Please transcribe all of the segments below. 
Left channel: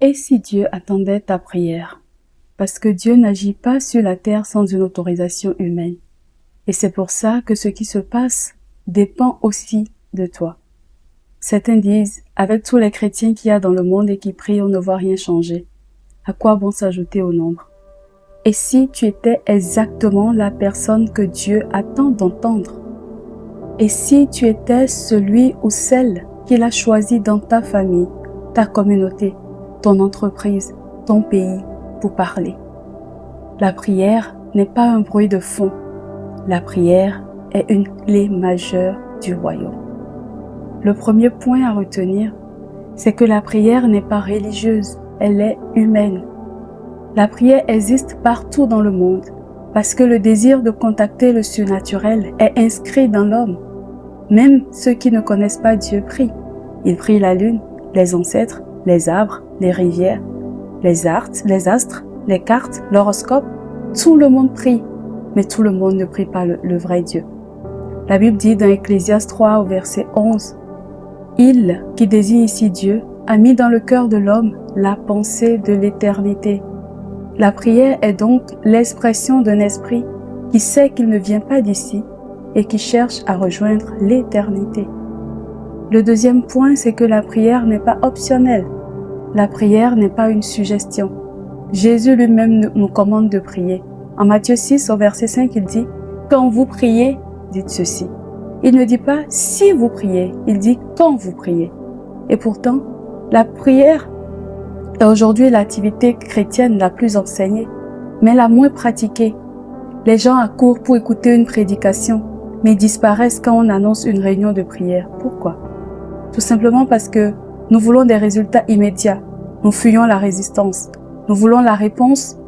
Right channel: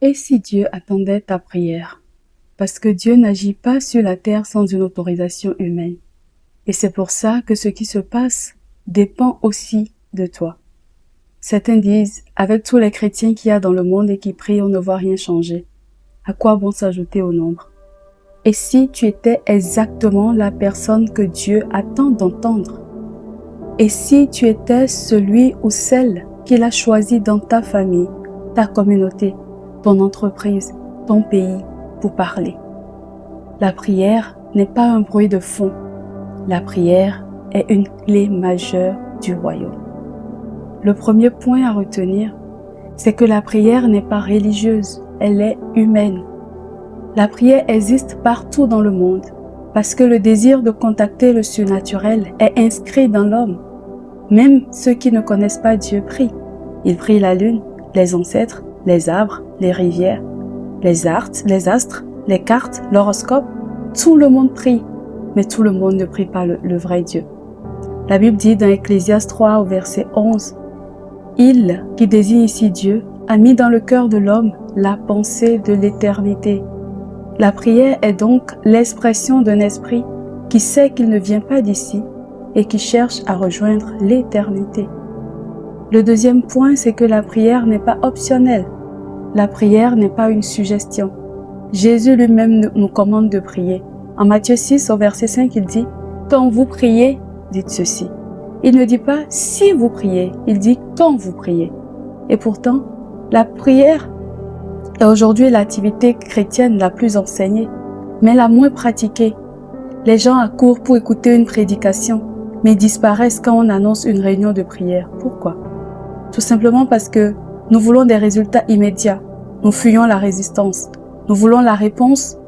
Et si Dieu attendait ta prière? Parce que Dieu n'agit pas sur la terre sans une autorisation humaine. Et c'est pour ça que ce qui se passe dépend aussi de toi. Certains disent, avec tous les chrétiens qu'il y a dans le monde et qui prient, on ne voit rien changer. À quoi bon s'ajouter au nombre? Et si tu étais exactement la personne que Dieu attend d'entendre? Et si tu étais celui ou celle qu'il a choisi dans ta famille, ta communauté, ton entreprise, ton pays, pour parler? La prière n'est pas un bruit de fond. La prière est une clé majeure du royaume. Le premier point à retenir, c'est que la prière n'est pas religieuse, elle est humaine. La prière existe partout dans le monde parce que le désir de contacter le surnaturel est inscrit dans l'homme. Même ceux qui ne connaissent pas Dieu prient. Ils prient la lune, les ancêtres, les arbres, les rivières, les astres, les cartes, l'horoscope. Tout le monde prie, mais tout le monde ne prie pas le vrai Dieu. La Bible dit dans Ecclésiaste 3 au verset 11, « Il, qui désigne ici Dieu, a mis dans le cœur de l'homme la pensée de l'éternité. » La prière est donc l'expression d'un esprit qui sait qu'il ne vient pas d'ici et qui cherche à rejoindre l'éternité. Le deuxième point, c'est que la prière n'est pas optionnelle. La prière n'est pas une suggestion. Jésus lui-même nous commande de prier. En Matthieu 6, au verset 5, il dit « Quand vous priez, dites ceci ». Il ne dit pas « si vous priez », il dit « quand vous priez ». Et pourtant, la prière est aujourd'hui l'activité chrétienne la plus enseignée, mais la moins pratiquée. Les gens accourent pour écouter une prédication, mais disparaissent quand on annonce une réunion de prière. Pourquoi? Tout simplement parce que nous voulons des résultats immédiats. Nous fuyons la résistance. Nous voulons la réponse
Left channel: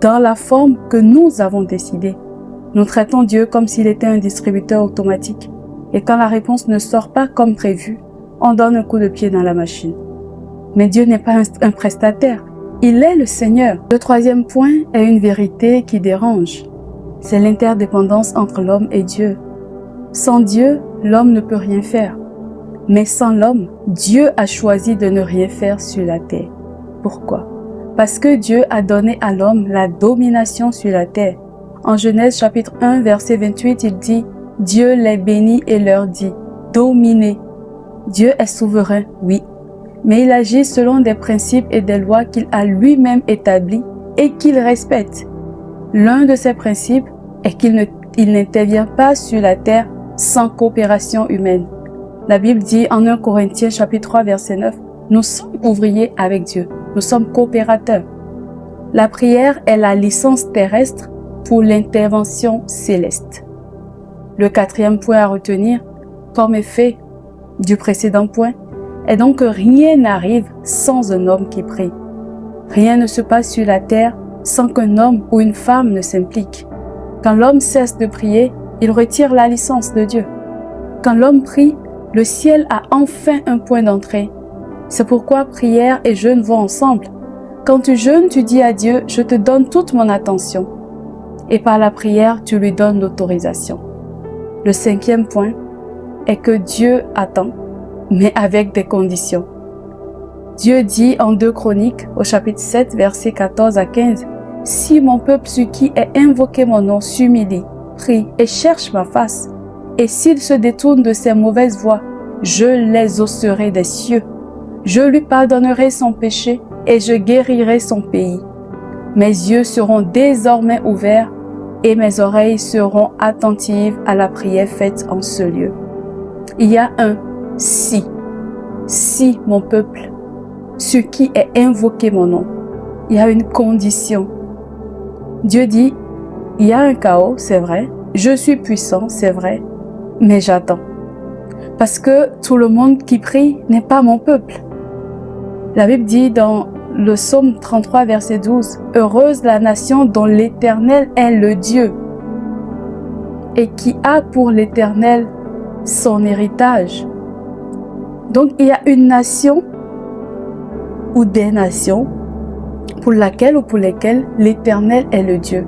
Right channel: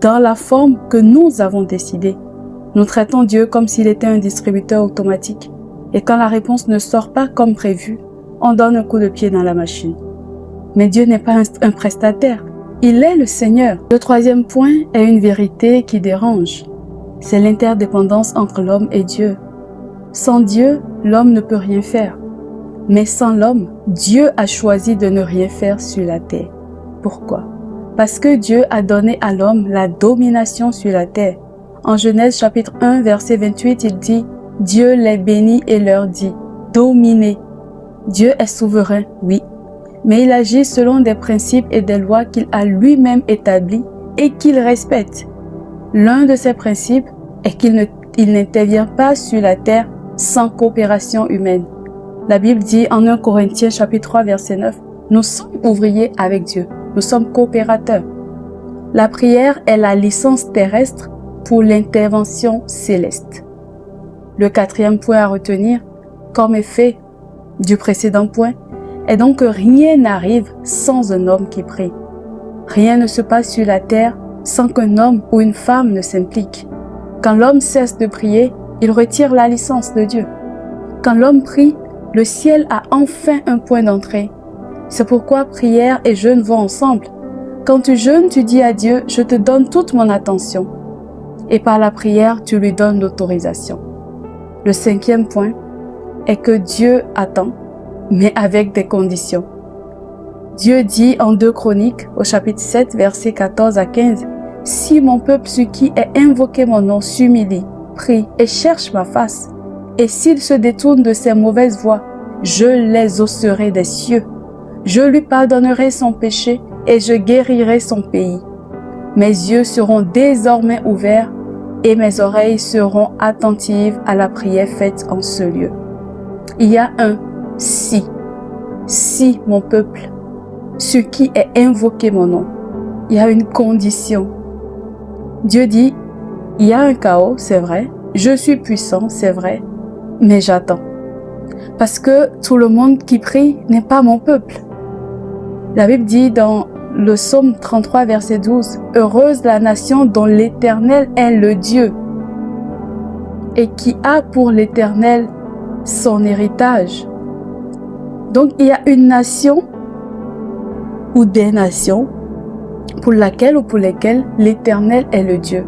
dans la forme que nous avons décidée. Nous traitons Dieu comme s'il était un distributeur automatique. Et quand la réponse ne sort pas comme prévu, on donne un coup de pied dans la machine. Mais Dieu n'est pas un prestataire. Il est le Seigneur. Le troisième point est une vérité qui dérange. C'est l'interdépendance entre l'homme et Dieu. Sans Dieu, l'homme ne peut rien faire. Mais sans l'homme, Dieu a choisi de ne rien faire sur la terre. Pourquoi? Parce que Dieu a donné à l'homme la domination sur la terre. En Genèse chapitre 1, verset 28, il dit « Dieu les bénit et leur dit « Dominez ». Dieu est souverain, oui, mais il agit selon des principes et des lois qu'il a lui-même établis et qu'il respecte. L'un de ces principes est qu'il n'intervient pas sur la terre sans coopération humaine. La Bible dit en 1 Corinthiens chapitre 3 verset 9, « Nous sommes ouvriers avec Dieu, nous sommes coopérateurs. » La prière est la licence terrestre pour l'intervention céleste. Le quatrième point à retenir, comme effet du précédent point, est donc que rien n'arrive sans un homme qui prie. Rien ne se passe sur la terre sans qu'un homme ou une femme ne s'implique. Quand l'homme cesse de prier, il retire la licence de Dieu. Quand l'homme prie, le ciel a enfin un point d'entrée. C'est pourquoi prière et jeûne vont ensemble. Quand tu jeûnes, tu dis à Dieu, je te donne toute mon attention. Et par la prière, tu lui donnes l'autorisation. Le cinquième point est que Dieu attend, mais avec des conditions. Dieu dit en 2 Chroniques, au chapitre 7, versets 14 à 15, « Si mon peuple sur qui est invoqué mon nom s'humilie, prie et cherche ma face, et s'il se détourne de ses mauvaises voies, je les osserai des cieux. Je lui pardonnerai son péché et je guérirai son pays. Mes yeux seront désormais ouverts et mes oreilles seront attentives à la prière faite en ce lieu. » Il y a un « si ». Si mon peuple, sur qui est invoqué mon nom, il y a une condition. Dieu dit, il y a un chaos, c'est vrai, je suis puissant, c'est vrai, mais j'attends. Parce que tout le monde qui prie n'est pas mon peuple. La Bible dit dans le psaume 33, verset 12, « Heureuse la nation dont l'Éternel est le Dieu et qui a pour l'Éternel son héritage. » Donc, il y a une nation ou des nations pour laquelle ou pour lesquelles l'Éternel est le Dieu.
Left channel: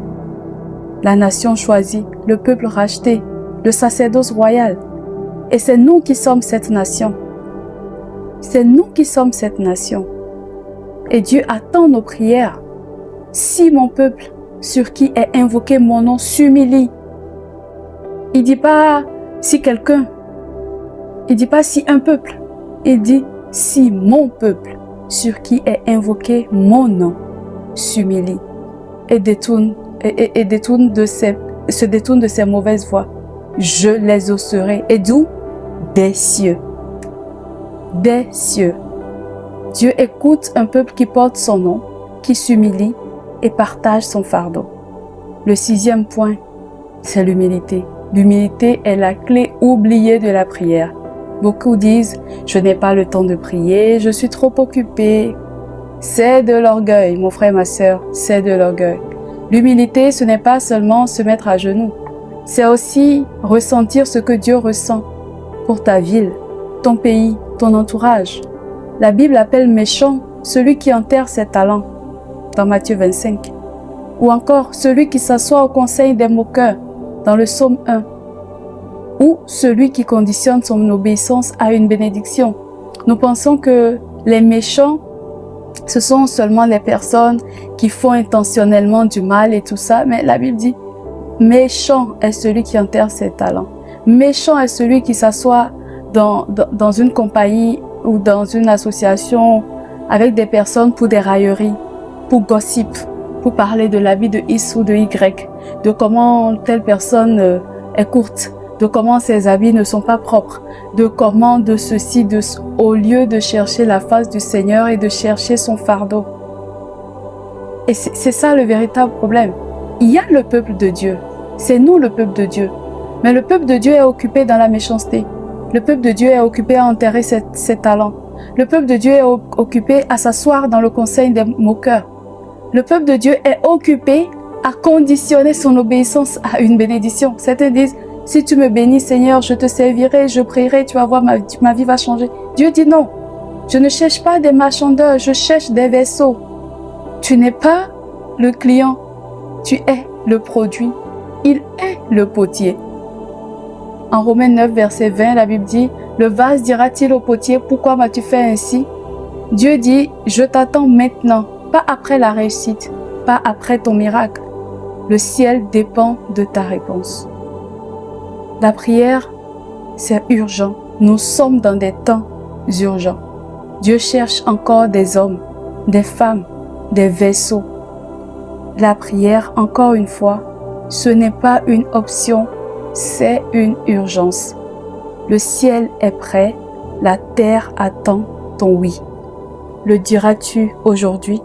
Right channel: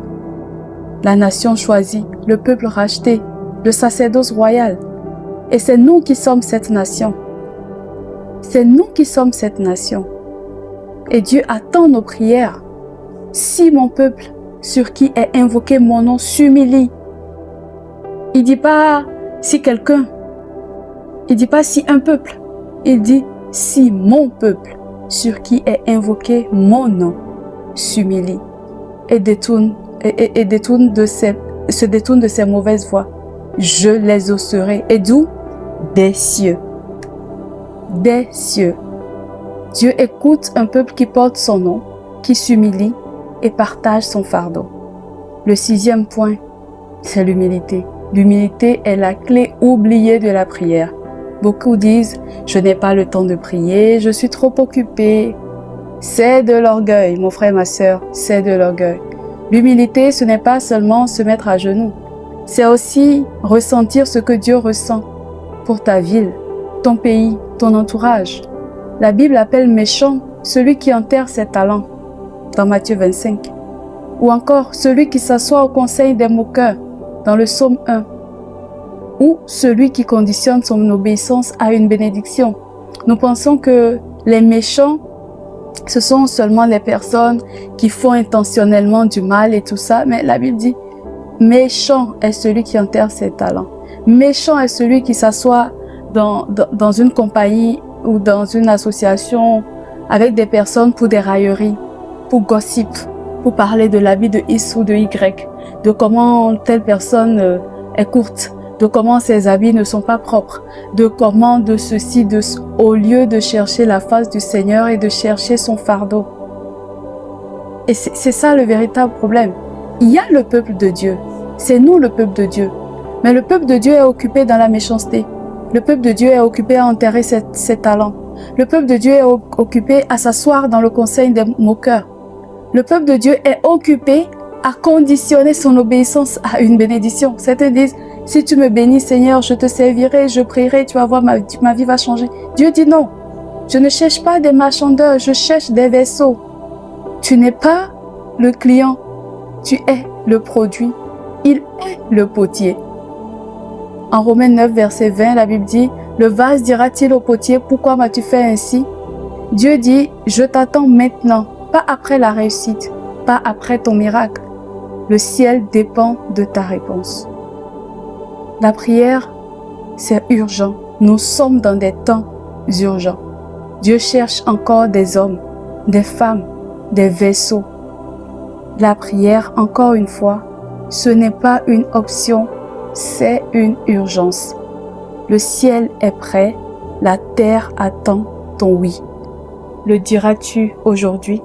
La nation choisie, le peuple racheté, le sacerdoce royal. Et c'est nous qui sommes cette nation. C'est nous qui sommes cette nation. Et Dieu attend nos prières. Si mon peuple, sur qui est invoqué mon nom, s'humilie. Il dit pas si quelqu'un. Il dit pas si un peuple. Il dit si mon peuple, sur qui est invoqué mon nom, s'humilie et se détourne de ses mauvaises voies. Je les exaucerai. Et d'où? Des cieux. Des cieux. Dieu écoute un peuple qui porte son nom, qui s'humilie et partage son fardeau. Le 6e point, c'est l'humilité. L'humilité est la clé oubliée de la prière. Beaucoup disent « Je n'ai pas le temps de prier, je suis trop occupé ». C'est de l'orgueil, mon frère, ma sœur, c'est de l'orgueil. L'humilité, ce n'est pas seulement se mettre à genoux. C'est aussi ressentir ce que Dieu ressent pour ta ville, ton pays, ton entourage. La Bible appelle méchant celui qui enterre ses talents, dans Matthieu 25. Ou encore celui qui s'assoit au conseil des moqueurs, dans le psaume 1. Ou celui qui conditionne son obéissance à une bénédiction. Nous pensons que les méchants, ce sont seulement les personnes qui font intentionnellement du mal et tout ça. Mais la Bible dit, méchant est celui qui enterre ses talents. Méchant est celui qui s'assoit dans une compagnie ou dans une association avec des personnes pour des railleries, pour gossip, pour parler de l'habit de X ou de Y, de comment telle personne est courte, de comment ses habits ne sont pas propres, de comment de ceci, au lieu de chercher la face du Seigneur et de chercher son fardeau. Et c'est ça le véritable problème. Il y a le peuple de Dieu, c'est nous le peuple de Dieu, mais le peuple de Dieu est occupé dans la méchanceté. Le peuple de Dieu est occupé à enterrer ses talents. Le peuple de Dieu est occupé à s'asseoir dans le conseil des moqueurs. Le peuple de Dieu est occupé à conditionner son obéissance à une bénédiction. Certains disent, si tu me bénis Seigneur, je te servirai, je prierai, tu vas voir, ma vie va changer. Dieu dit non, je ne cherche pas des marchandeurs, je cherche des vaisseaux. Tu n'es pas le client, tu es le produit. Il est le potier. En Romains 9, verset 20, la Bible dit, « Le vase dira-t-il au potier, pourquoi m'as-tu fait ainsi ?» Dieu dit, « Je t'attends maintenant, pas après la réussite, pas après ton miracle. Le ciel dépend de ta réponse. » La prière, c'est urgent. Nous sommes dans des temps urgents. Dieu cherche encore des hommes, des femmes, des vaisseaux. La prière, encore une fois, ce n'est pas une option, c'est une urgence. Le ciel est prêt, la terre attend ton oui. Le diras-tu aujourd'hui?